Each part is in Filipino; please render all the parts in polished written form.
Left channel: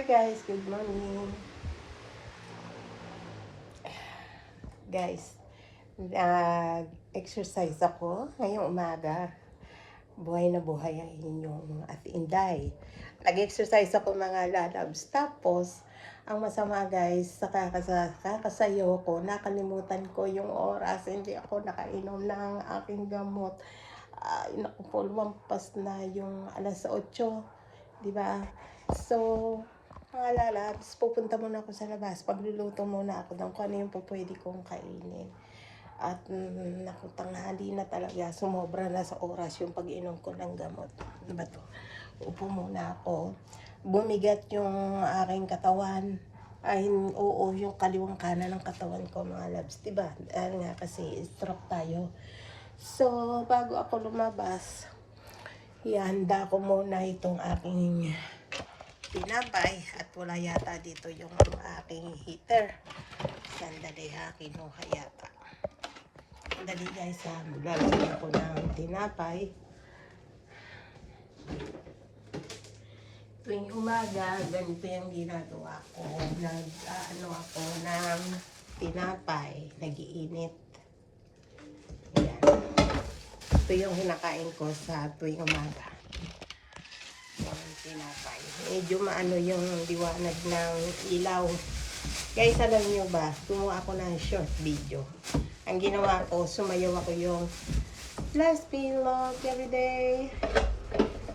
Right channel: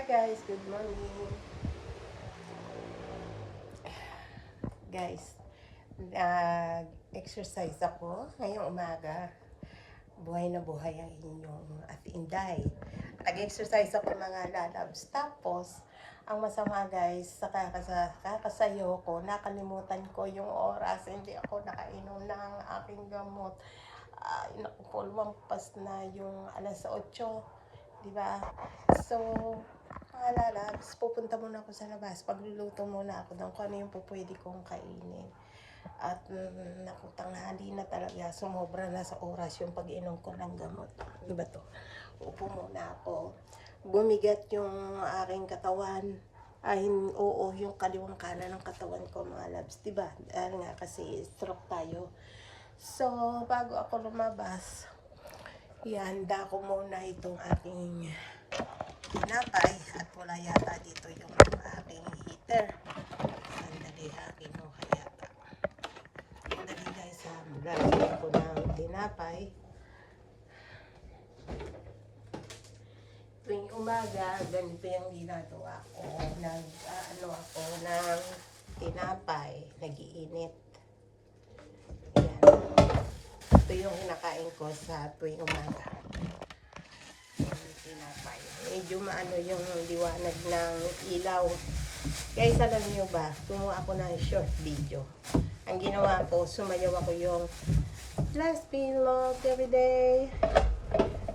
Hi guys, good morning. Guys, nag-exercise ako ngayong umaga. Buhay na buhay ang inyong Ate Inday. Nag-exercise ako mga lalabs. Tapos, ang masama guys, sa kakasayo ko, nakalimutan ko yung oras. Hindi ako nakainom ng aking gamot. Naku po, lumampas na yung alas 8. Diba? So, mga lalabs, pupunta muna ako sa labas. Pagluluto muna ako ng kung ano yung pwede kong kainin. At naku, tanghali na talaga. Sumobra na sa oras yung pag-inom ko ng gamot. Diba to? Upo muna ako. Bumigat yung aking katawan. Ay, oo, yung kaliwang kanan ng katawan ko, mga labs. Diba? Dahil nga kasi stroke tayo. So, bago ako lumabas, ihanda ko muna itong aking tinapay at wala yata dito yung aking heater. Sandali ha, kinuha yata. Sandali guys ha, lalagyan ko ng tinapay. Tuwing umaga, ganito yung ginagawa ko. Ako ng tinapay, nag-iinit. Ayan. Ito yung hinakain ko sa tuwing umaga. Tinapay. Medyo maano yung liwanag ng ilaw. Guys, alam nyo ba, gumawa ako ng short video. Ang ginawa ko, sumayaw ako yung Let's be loved every day.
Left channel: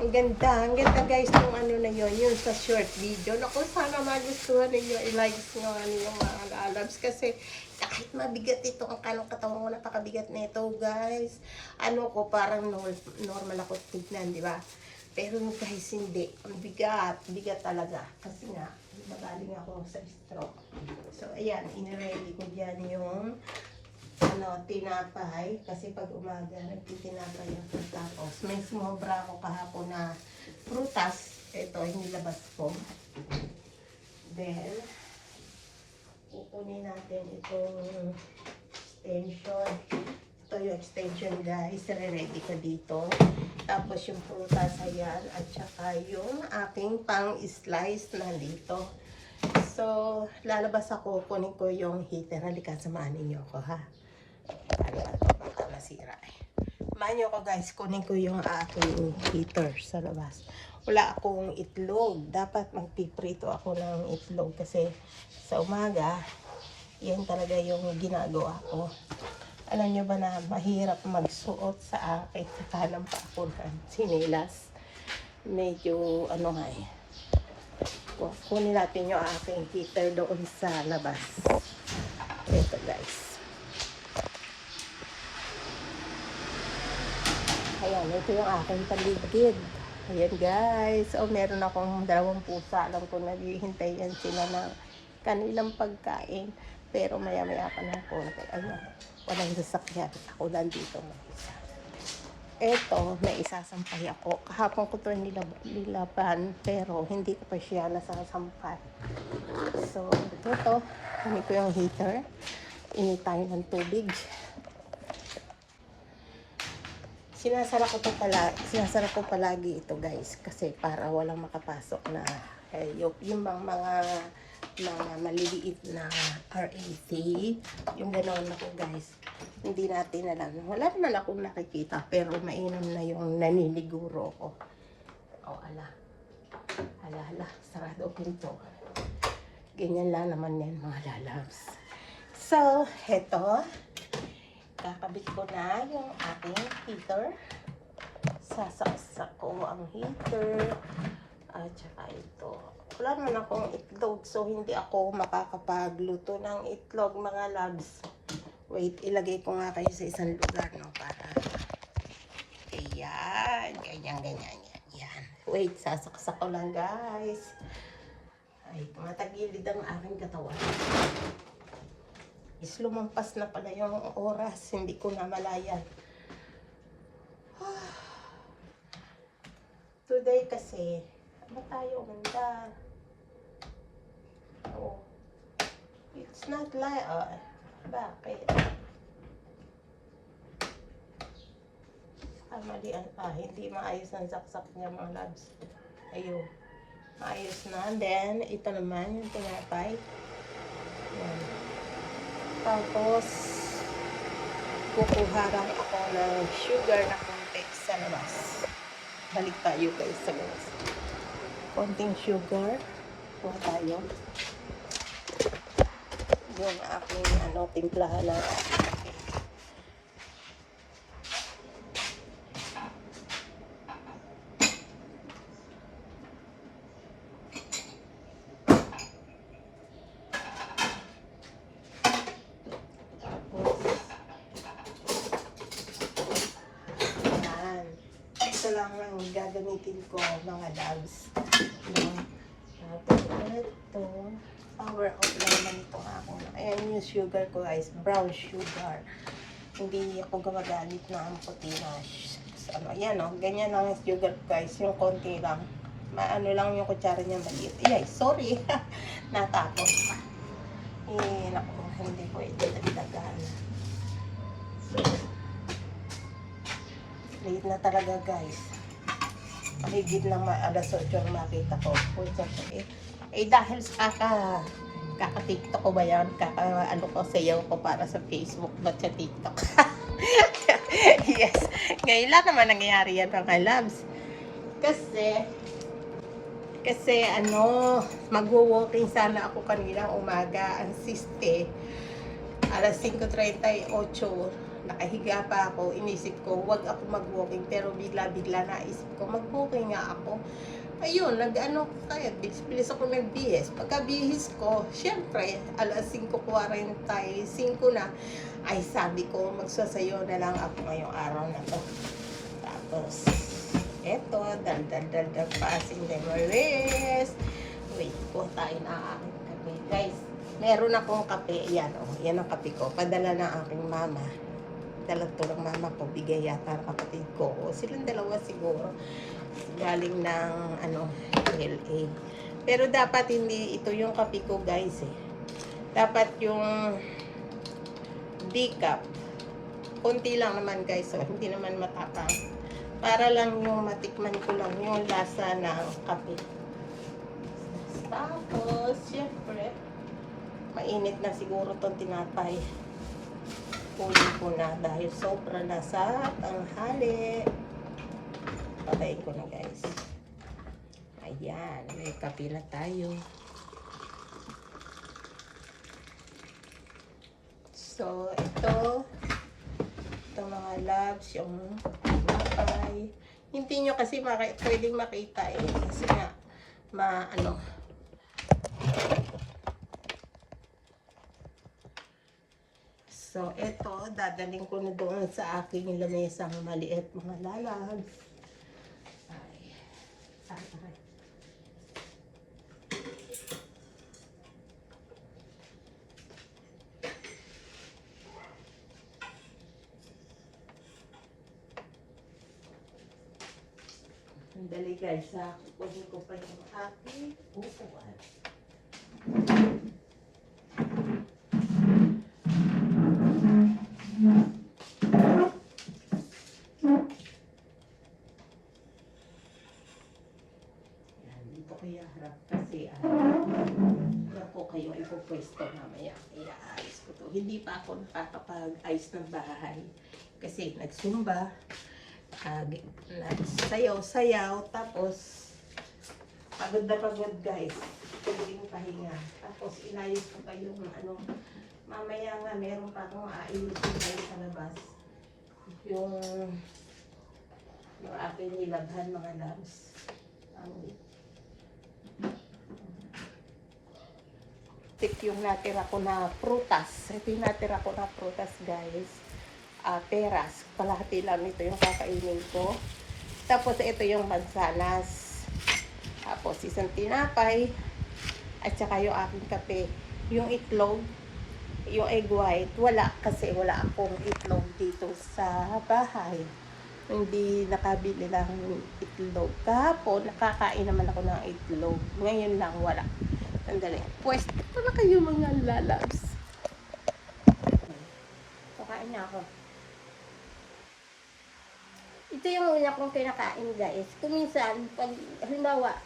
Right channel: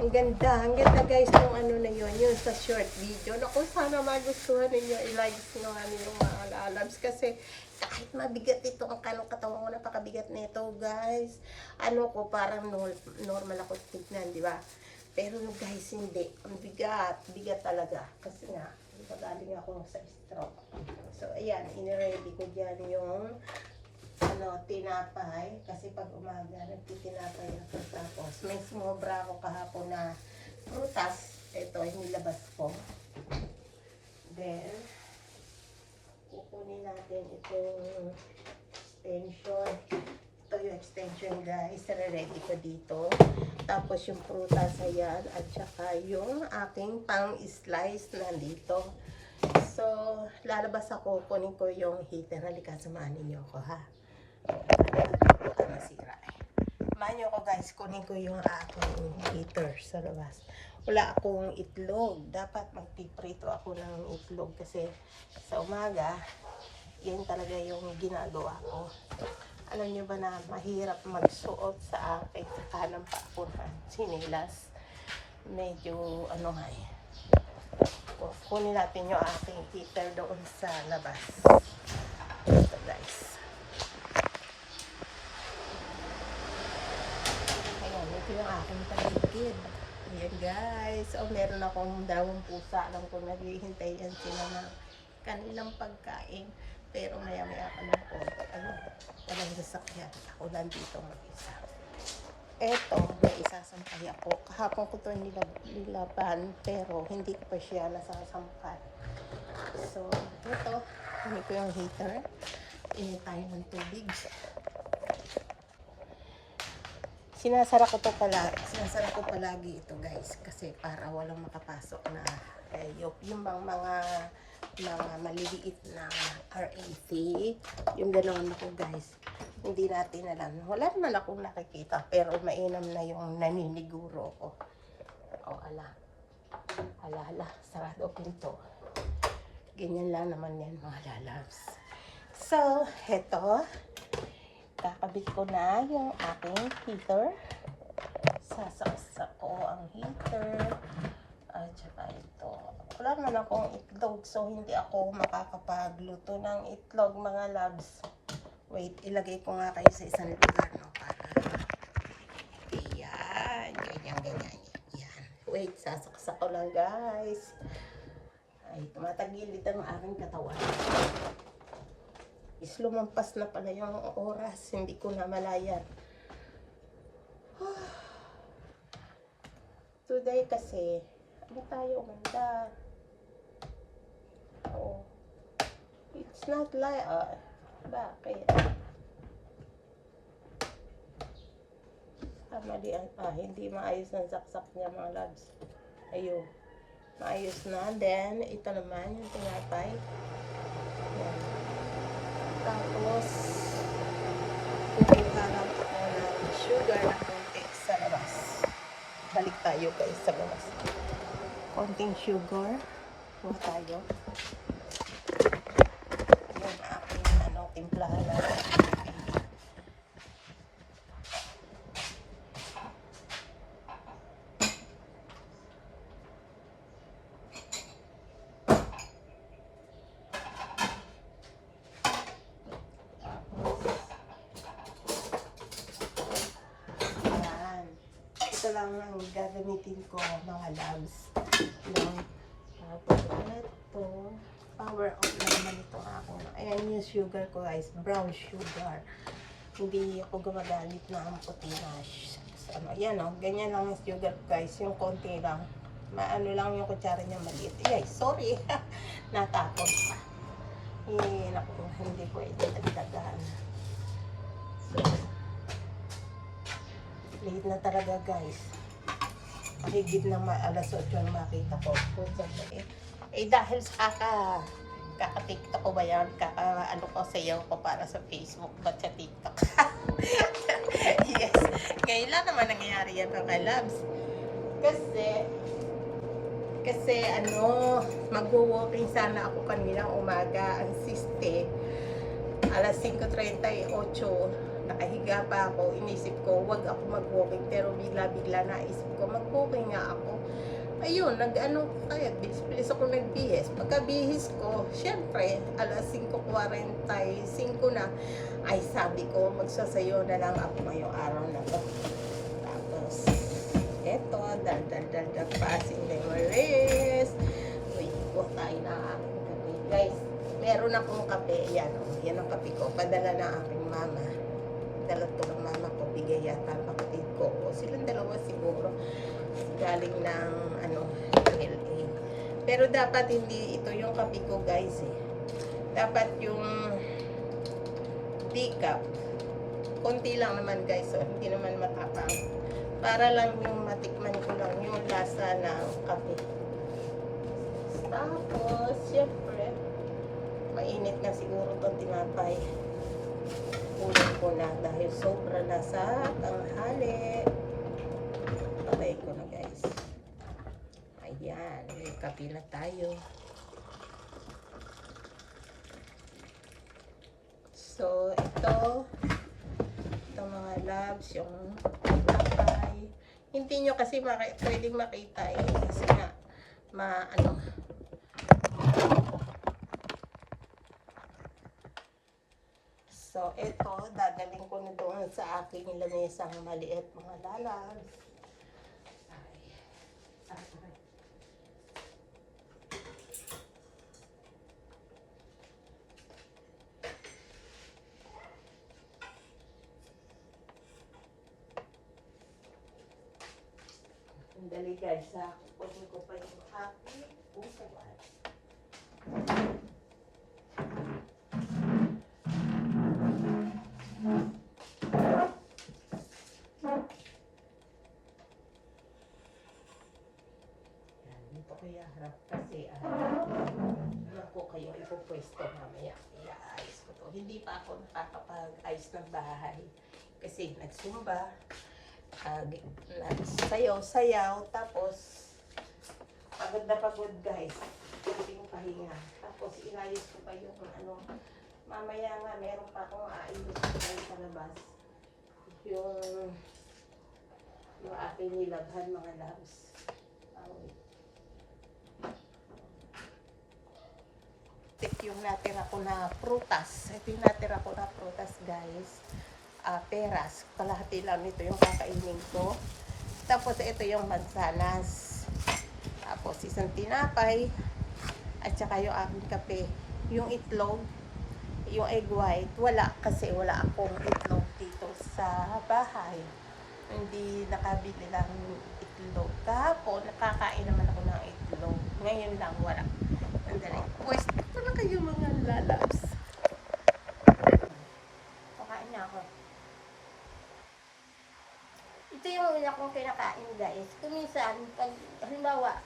Ang ganda guys yung ano na yun, yung sa short video. Naku, sana magustuhan ninyo, i-likes nyo yung mga lalabs. Kasi kahit mabigat ito, ang kanong katawan ko, napakabigat na ito guys. Ano ko, parang normal ako tignan, di ba? Pero guys, hindi. Ang bigat talaga. Kasi nga, magaling ako sa stroke. So, ayan, iniready ko dyan yung tinapay. Kasi pag umaga, nagtitinapay ako. Tapos, may sumobra ako kahapon na prutas. Ito, inilabas ko. Then, kukunin natin itong extension. Ito yung extension guys, ready ko dito. Tapos yung prutas, ayan, at saka yung aking pang-slice nandito. So, lalabas ako, kunin ko yung heater. Halika, samahan ninyo ako ha. Baka masira eh. Samahan nyo ako guys, kunin ko yung aking heater sa labas. Wala akong itlog. Dapat magpiprito ako ng itlog kasi sa umaga, yan talaga yung ginagawa ko. Alam nyo ba na mahirap magsuot sa akin sa kanang pa ako ng sinilas. Medyo ano nga eh. Kunin natin yung aking heater doon sa labas. Ito guys. Ayan, ito yung aking paligid. Ayan guys. O meron akong 2 pusa. Alam ko naghihintay yan sila ng kanilang pagkain. Pero maya-maya pa ng konti. Ayan. Walang sasakyan. Ako lang dito mag-isa. Eto, may isasampay ako. Kahapon ko ito nilaban, pero hindi ko pa siya nasasampay. So, ito, hindi ko yung heater. Init tayo ng tubig. Sinasara ko palagi ito guys. Kasi para walang makapasok na yung mga maliliit na RAC, yung ganoon ako guys, hindi natin alam. Wala naman akong nakikita, pero mainam na yung naniniguro ko. Ala, sarado pinto. Ganyan lang naman yan mga lalabs. So, heto, kakabit ko na yung aking heater. Sasaksak ko ang heater. At saka ito. Wala naman akong itlog, so hindi ako makakapagluto ng itlog mga labs. Wait, ilagay ko nga kayo sa isang lugar, no? Para, ayan, ganyan. Yan. Wait, sasaksak ko lang guys. Ay, tumatagilid ang aking katawan. Lumampas na pala yung oras, hindi ko na malayan. Today kasi, ba tayo ganda? Oh, it's not like, bakit? Malian pa, hindi maayos ang saksak niya mga labs. Ayun. Maayos na. Then, ito naman yung tinapay. Yan. Tapos, kukuha lang ako ng sugar na konti sa labas. Balik tayo guys sa labas. Konting sugar. Kuha tayo. Yung aking timplahan na kape. Ito lang ang gagamitin ko mga loves. Tapos ito, power out naman ito ako. Ayan yung sugar ko guys, brown sugar. Hindi ako gumagamit ng puti na ayan ganyan lang yung sugar guys, yung konti lang. Maano lang yung kutsara niya maliit. Ay, sorry. Natapon pa. Naku, hindi pwede nagdagaan. So, late na talaga guys. Paligid ng alas 8 ang makita ko. Dahil sa kaka-TikTok ko ba yan? Ko sayaw ko para sa Facebook ba sa TikTok? Yes. Ngayon lang naman nangyayari yan mga loves. Kasi magwo-walking sana ako kanina umaga. Ang siste, alas 5:38, nakahiga pa ako. Inisip ko, wag ako mag-walking. Pero bigla-bigla naisip ko, mag-walking nga ako. Ayun, kaya bilis ako nagbihis. Pagkabihis ko, syempre, alas 5:45 na, ay sabi ko, magsasayo na lang ako ngayong araw na to. Tapos, eto, dal passing the rest. Wait po tayo na aking kape. Guys, meron akong kape. Yan ang kape ko. Padala na aking mama. Dala to ng mama ko. Bigay yata ng kapatid ko. O silang dalawa siguro. Galing ng LA. Pero dapat hindi ito yung kape ko guys Dapat yung decaf. Kunti lang naman guys. So, hindi naman matapang. Para lang yung matikman ko lang yung lasa ng kape. Tapos, syempre, mainit na siguro itong tinapay. Kunin ko na dahil sobra na sa tanghali. Patayin ko na guys. Ayan, may kape na tayo. So, ito mga loves, yung tinapay. Hindi nyo kasi pwedeng makita kasi nga, So, ito, dadaling ko na doon sa aking lamesang maliit mga lalabs. Sandali guys, kukunin ko pa yung aking upuan. Dito kaya harap kasi ko kayo ipupwesto mamaya. Iaalis ko to. Hindi pa ako nakakapag-ayos ng bahay kasi nagsumba. Sayaw-sayaw, tapos pagod na pagod guys, pwede ko pahinga. Tapos inayos ko pa yung mamaya nga meron pa akong aayusin tayo sa labas, yung aking nilabhan mga loves. Yung natira ko na prutas. Ito yung natira ko na prutas guys. Peras. Kalahati lang nito yung kakainin ko. Tapos ito yung mansanas. Tapos isang tinapay. At saka yung aking kape. Yung itlog. Yung egg white. Wala kasi wala akong itlog dito sa bahay. Hindi nakabili lang itlog. Kahapon nakakain naman ako ng itlog. Ngayon lang wala. Sandali. Pwesto ko na kayo mga lalabs. Kakain na ako. Ito yung una kong kinakain guys. Kuminsan, pag halimbawa,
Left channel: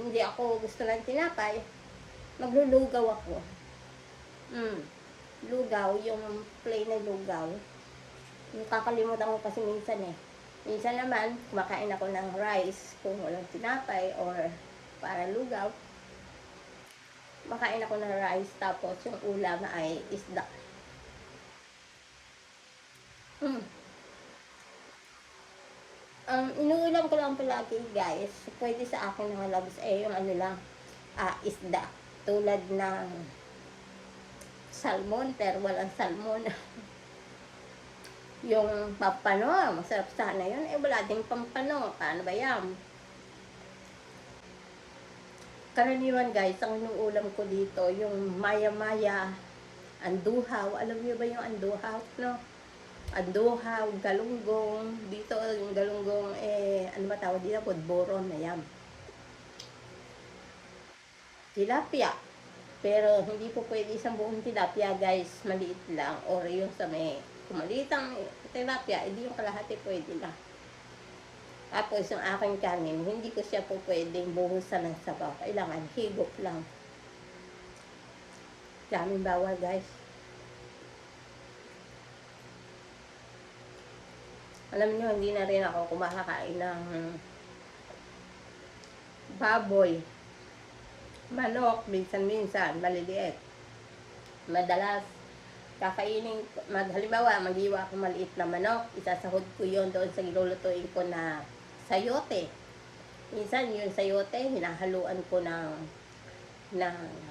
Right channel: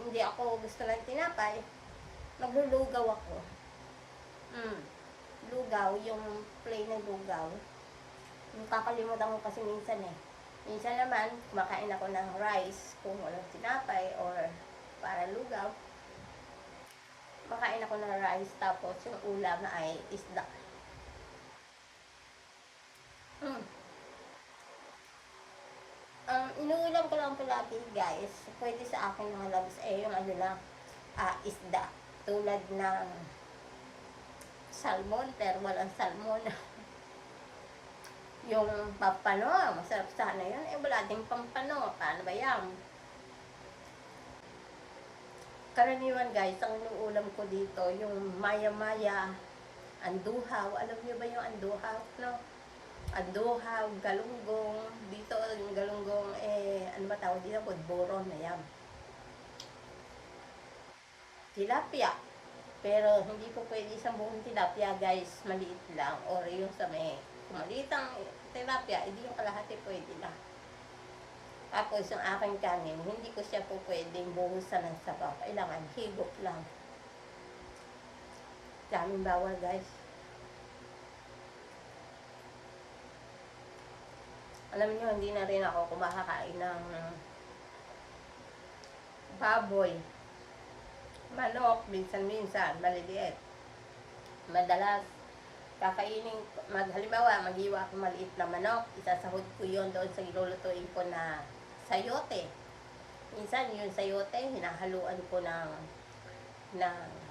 hindi ako gusto ng tinapay, maglulugaw ako. Lugaw, yung plain na lugaw. Kakalimutan ko kasi minsan eh. Minsan naman, kumakain ako ng rice kung walang tinapay or para lugaw. Makain ako ng rice tapos yung ulam ay isda. Inuulam ko lang palagi guys, pwede sa akin ng labs yung ano lang, isda. Tulad ng salmon, pero walang salmon. Yung pampano, masarap sana yun. Wala ding pampano. Paano ba yan? Karaniwan guys, ang inuulam ko dito, yung maya-maya, anduhaw. Alam niyo ba yung anduhaw? No? Anduhaw, galunggong. Dito yung galunggong, ano ba tawag dito? Budboron na yan. Tilapia. Pero hindi po pwede isang buong tilapia guys, maliit lang. Or yung sa may kumaliit ang tilapia, hindi yung kalahati pwede na. Tapos yung aking kanin, hindi ko siya po pwedeng buhusan ng sabaw. Kailangan higop lang. Daming bawal guys. Alam niyo, hindi na rin ako kumakain ng baboy. Manok, minsan-minsan, maliliit. Madalas, kakainin ko, halimbawa, mag-iwa ako maliit na manok, isasahod ko yon doon sa ilulutuin ko na sayote. Minsan, yung sayote, hinahaluan ko ng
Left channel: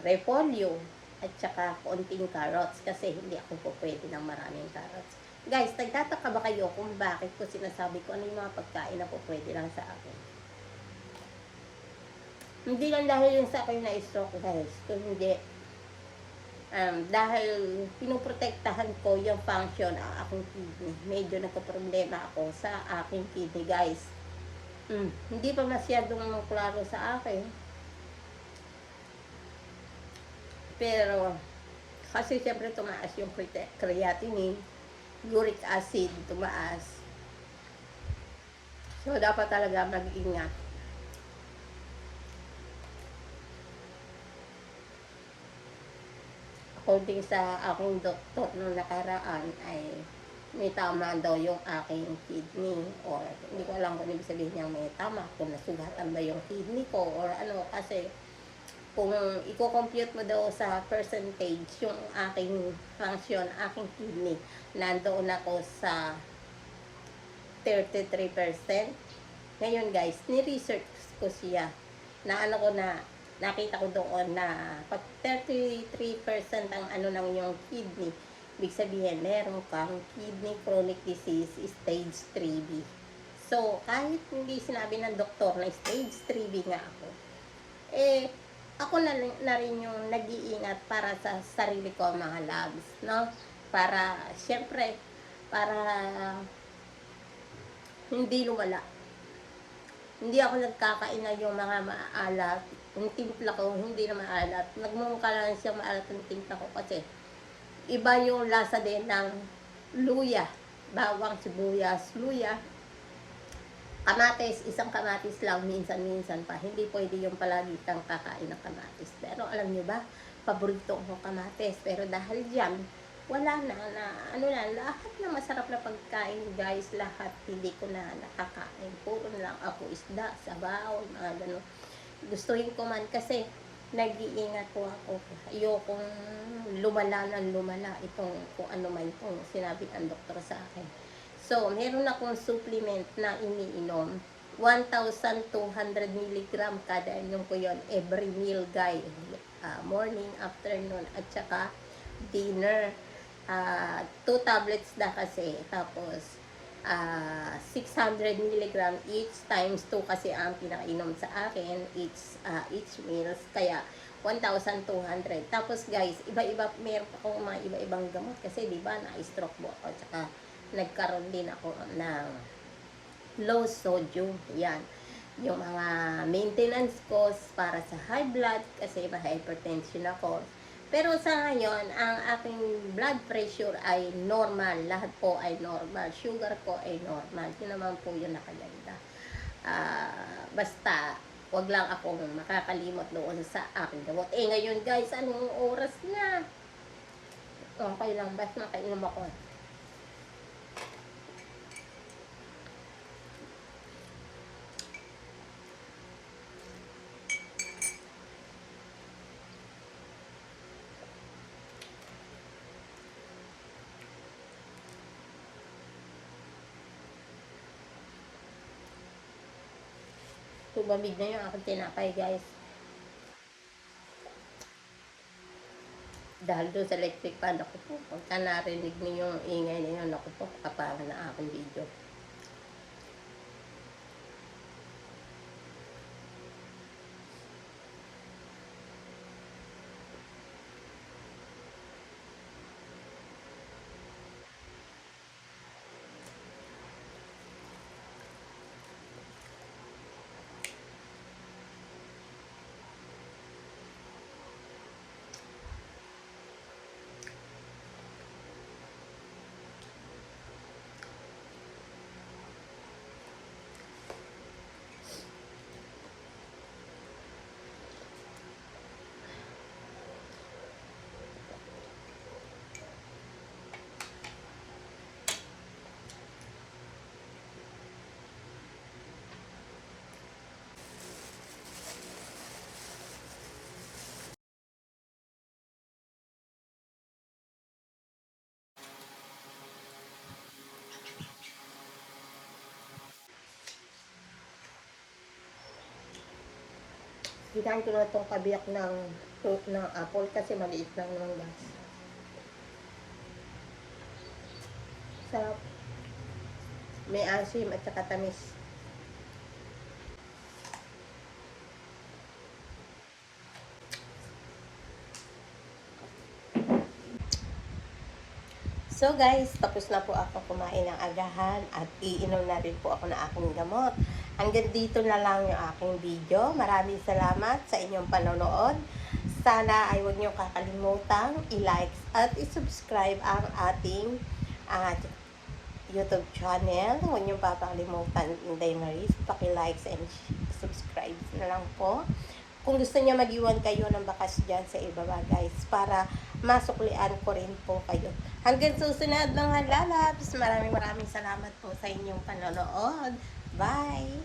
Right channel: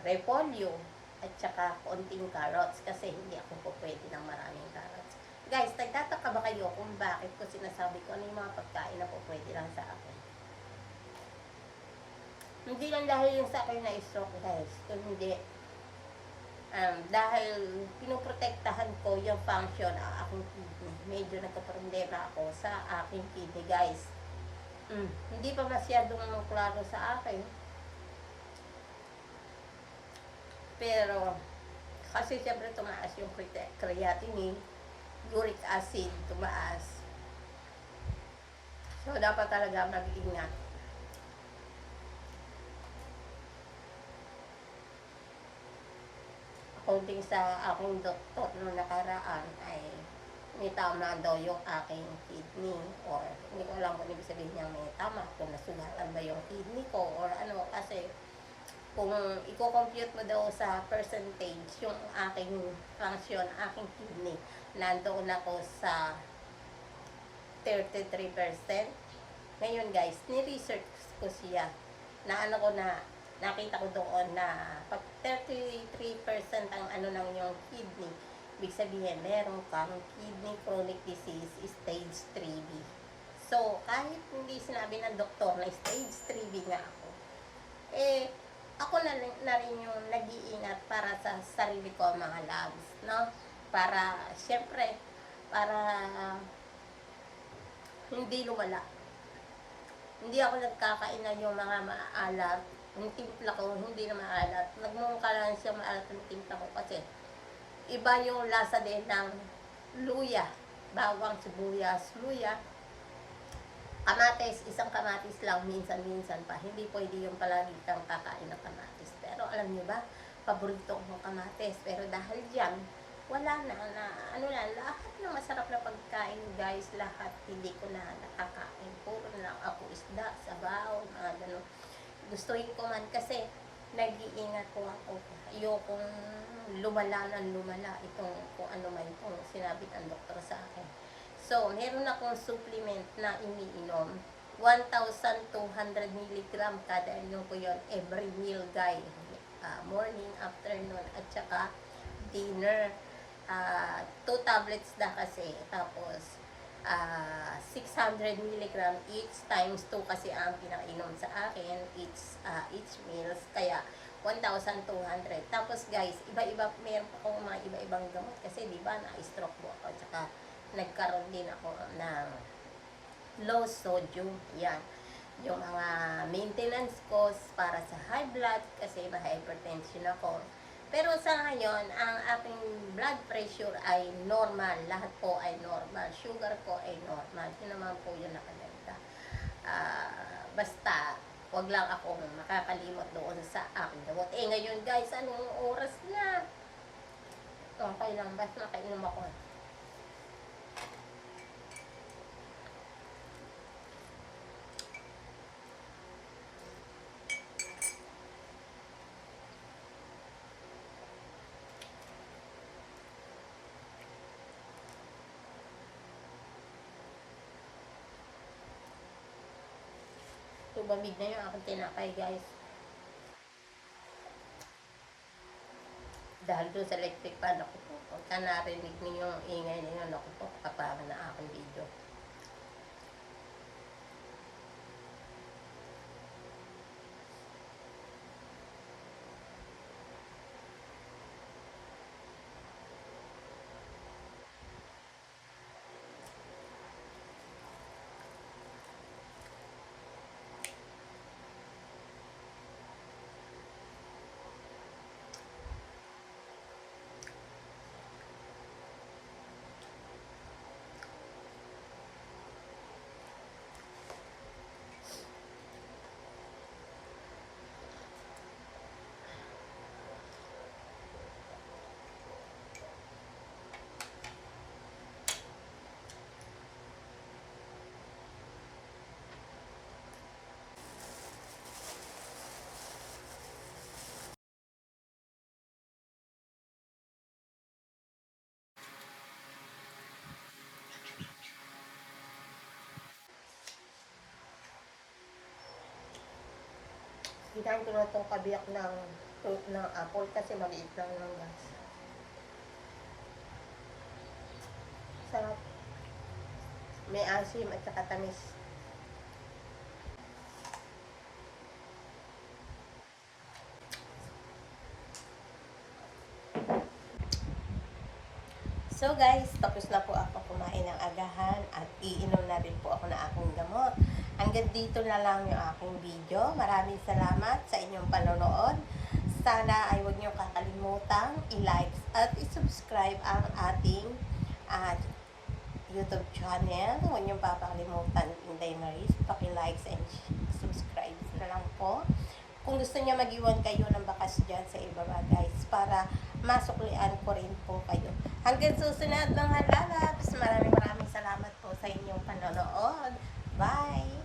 repolyo at saka konting carrots kasi hindi ako po pwede ng maraming carrots. Guys, nagtataka ba kayo kung bakit ko sinasabi ko ano yung mga pagkain na po pwede lang sa akin? Hindi lang dahil yung sa akin na stroke guys, kung hindi dahil pinoprotektahan ko yung function ng aking kidney. Medyo nagka-problema ako sa aking kidney guys. Hindi pa masyadong klaro sa akin. Pero kasi siyempre tumaas yung creatinine, uric acid tumaas. So dapat talaga mag-ingat. According sa aking doktor nung nakaraan ay may tama daw yung aking kidney, or hindi ko alam kung ibig sabihin niya may tama, kung nasugatan ba yung kidney ko or ano, kasi kung i-compute mo daw sa percentage yung aking function, aking kidney, nandoon ako sa 33%. Ngayon guys, ni-research ko siya na ano ko na nakita ko doon na pag 33% ang ano ng yung kidney, ibig sabihin meron kang kidney chronic disease stage 3B. So kahit hindi sinabi ng doktor na stage 3B nga ako, ako na rin yung nag-iingat para sa sarili ko mga labs, no? Para siyempre para hindi lumala. Hindi ako nagkakain na yung mga maalat. Yung timpla ko, hindi na maalat. Nagmumukha lang siyang maalat yung timpla ko kasi iba yung lasa din ng luya. Bawang, sibuyas, luya. Kamatis, isang kamatis lang, minsan-minsan pa. Hindi pwede yung palagi kang kakain ng kamatis. Pero alam nyo ba, paborito ko kamatis. Pero dahil dyan, wala na, ano na, lahat na masarap na pagkain, guys, lahat hindi ko na nakakain. Puro na lang ako isda, sabaw, mga gano'n. Gustuhin ko man kasi nag-iingat ko ako. Ayokong lumala na lumala itong kung ano man itong sinabi ng doktor sa akin. So, meron akong supplement na iniinom. 1,200 mg kada inom ko yon every meal, guys. Morning, afternoon, at saka dinner. 2 tablets na kasi. Tapos, 600 mg each times 2 kasi ang pinakainom sa akin each meals. Kaya, 1,200. Tapos guys, iba-iba, meron pa akong mga iba-ibang gamot kasi di ba na-stroke mo ako. Tsaka, nagkaroon din ako ng low sodium. Yan. Yung mga maintenance costs para sa high blood kasi ma-hypertension ako. Pero sa ngayon, ang aking blood pressure ay normal. Lahat po ay normal. Sugar ko ay normal. Yun naman po yung nakaganda. Basta, wag lang akong makakalimot doon sa aking gamot. Eh ngayon guys, anong oras na? Okay lang, basta makainom ako. Tumamig na yung aking tinapay guys. Dahil doon sa electric fan, ako po, pagka narinig niyo yung ingay na yun, ako po, kaparan na aking video. Hinahin ko na itong kabiyak ng fruit ng apple kasi maliit lang naman guys. Sarap. May asim at saka tamis. So guys, tapos na po ako kumain ng agahan at iinom na rin po ako ng aking gamot. Hanggang dito na lang yung aking video. Maraming salamat sa inyong panonood. Sana ay huwag niyo kakalimutang i-like at i-subscribe ang ating YouTube channel. Huwag niyo papakalimutan Inday Maris. Paki-likes and subscribe na lang po. Kung gusto niya mag-iwan kayo ng bakas dyan sa ibaba guys, para masuklian ko rin po kayo. Hanggang susunod mga lalabs, maraming salamat po sa inyong panonood. Bye!